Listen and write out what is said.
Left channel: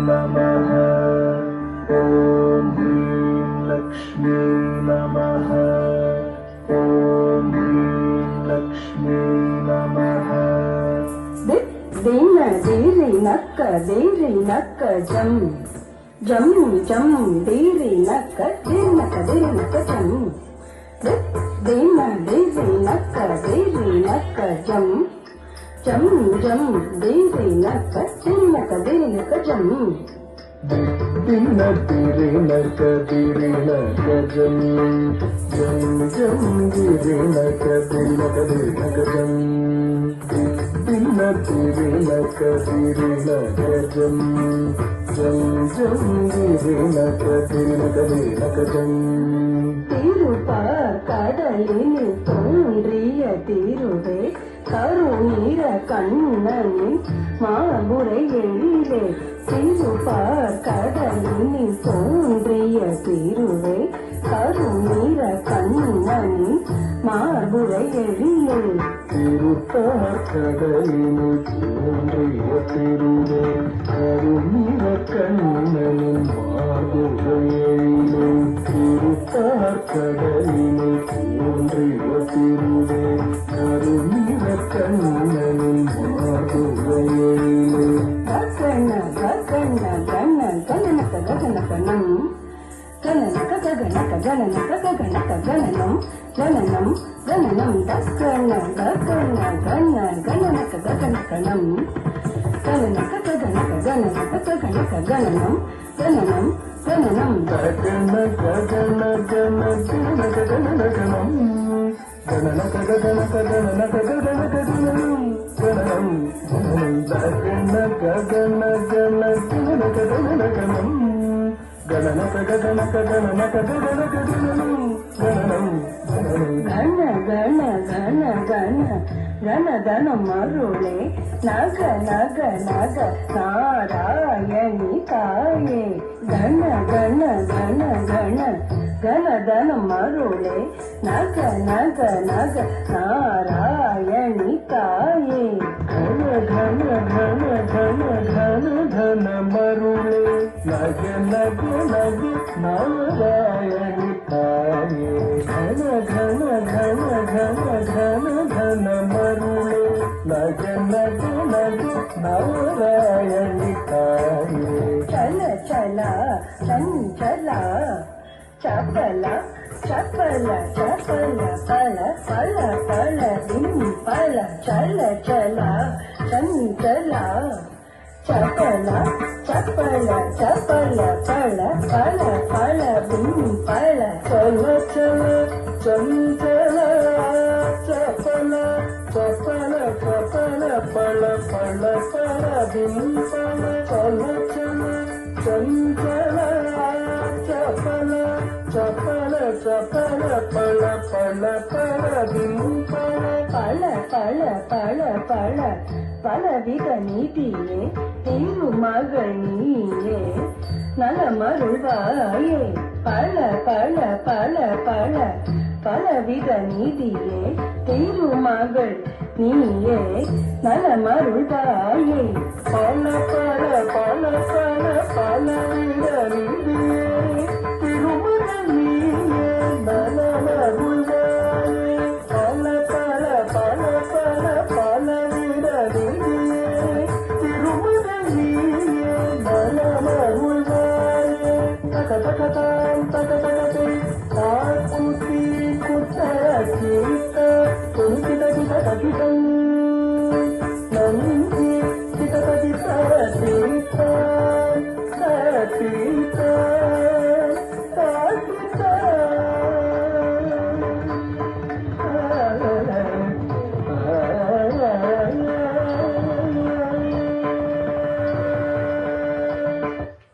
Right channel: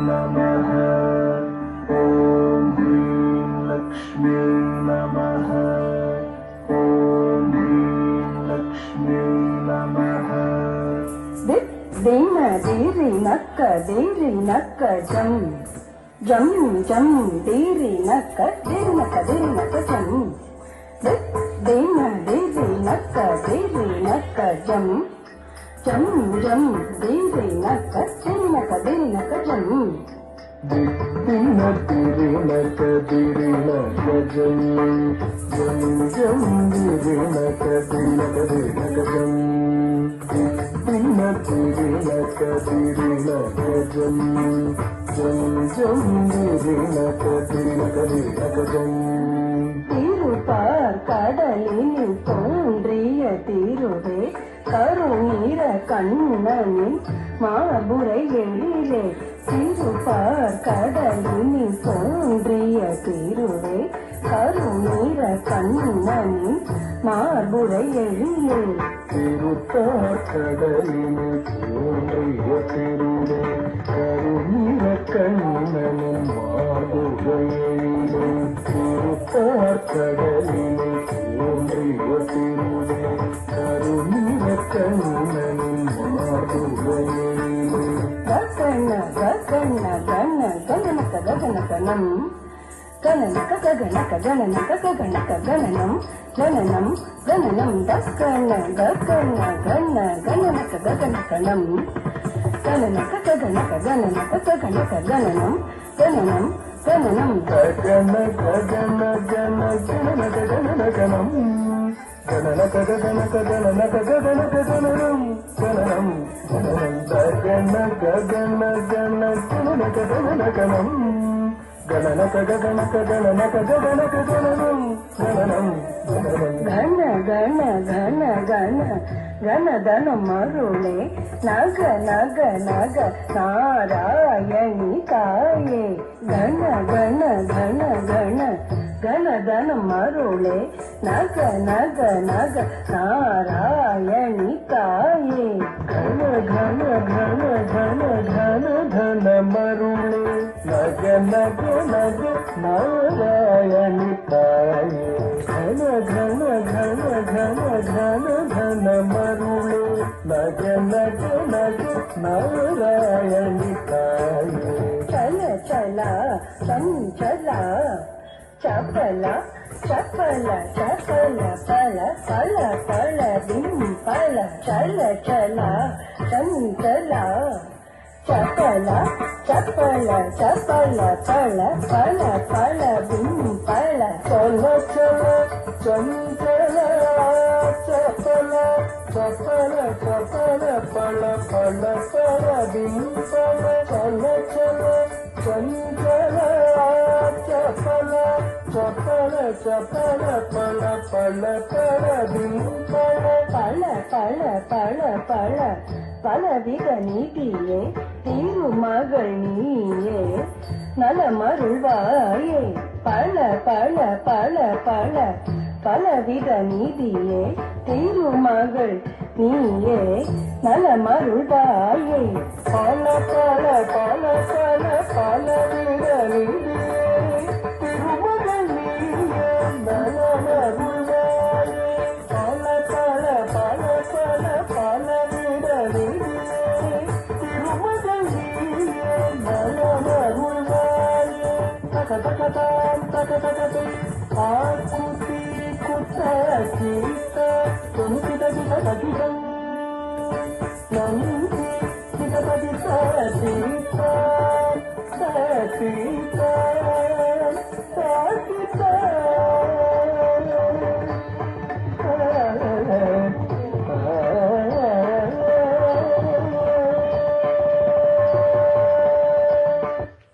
नमः। ॐ ह्रीं लक्ष्मी नमः। ॐ ह्रीं लक्ष्मी नमः। दीन दीरि नक्क जम जम जम दीरि नक्क जम दीन दीरि नक्क जम जम जम दीरि नक्क जम दीन दीरि नक्क जम जम जम दीरि नक्क जम दीन दीरि नक्क जम जम जम दीरि नक्क जम। திருப்பார் கடலில் தோன்றிய திருவே கருநீர கண்ணனின் மாபுரை எழிலே திருப்பார் கடலில் தோன்றிய திருவே கருநீர கண்ணனின் மாபுரை எழிலே திருப்பார் கடலில் தோன்றிய திருவே கருநீர கண்ணனின் மாபுரை எழிலே கடலிலே தோன்றிய திருவே கருநீர கண்ணனின் மாபுரை எழிலே மருளே நக நக நக நாராயணி தாயே கண கண கண கண கணதன மருளே நக நக நக நாராயணி தாயே கண கண கண கண கண ಧನ ಮರುಳೆ ನಗ ನಗ ನಗ ನಾರಾಯಣಿ ತಾಯೇ ಘನ ಘನ ಘನ ಘನ ಘನ ಧನ ಮರುಳೆ ನಗ ನಗ ನಗ ನಾರಾಯಣಿ ತಾಯೇ ಚಲ ಚಲ ಚಂಚಲ ಚಪಲ ಚಪಲ ಚಪಲ ಫಲ ಫಲ ಫಲ ಫಲ ಚಲ ಚಲ ಚಂಚಲ ಚಪಲ ಚಪಲ ಚಪಲ ಫಲ ಫಲ ಫಲ ಫಲ ಚಲ ಚಲ ಚಂಚಲ ಚಪಲ ಚಪಲ ಚಪಲ ಫಲ ಫಲ ಫಲ ಫಲ ಚಲ ಚಲ ಚಂಚಲ ಚಪಲ ಚಪಲ ಚಪಲ ಫಲ ಫಲ ಫಲ ಫಲ பல பல பல பல பலவித நீதியே திருமகள் நீயே நலமருள்வாயே பல பல பல பல பலவித நீதியே திருமகள் நீயே நலமருள்வாயே பல பல பல பல பலவித நீதியே திருமகள் நீயே நலமருள்வாயே பல பல பல பல பலவித நீதியே திருமகள் நீயே நலமருள்வாயே தக தக தாம் தக தக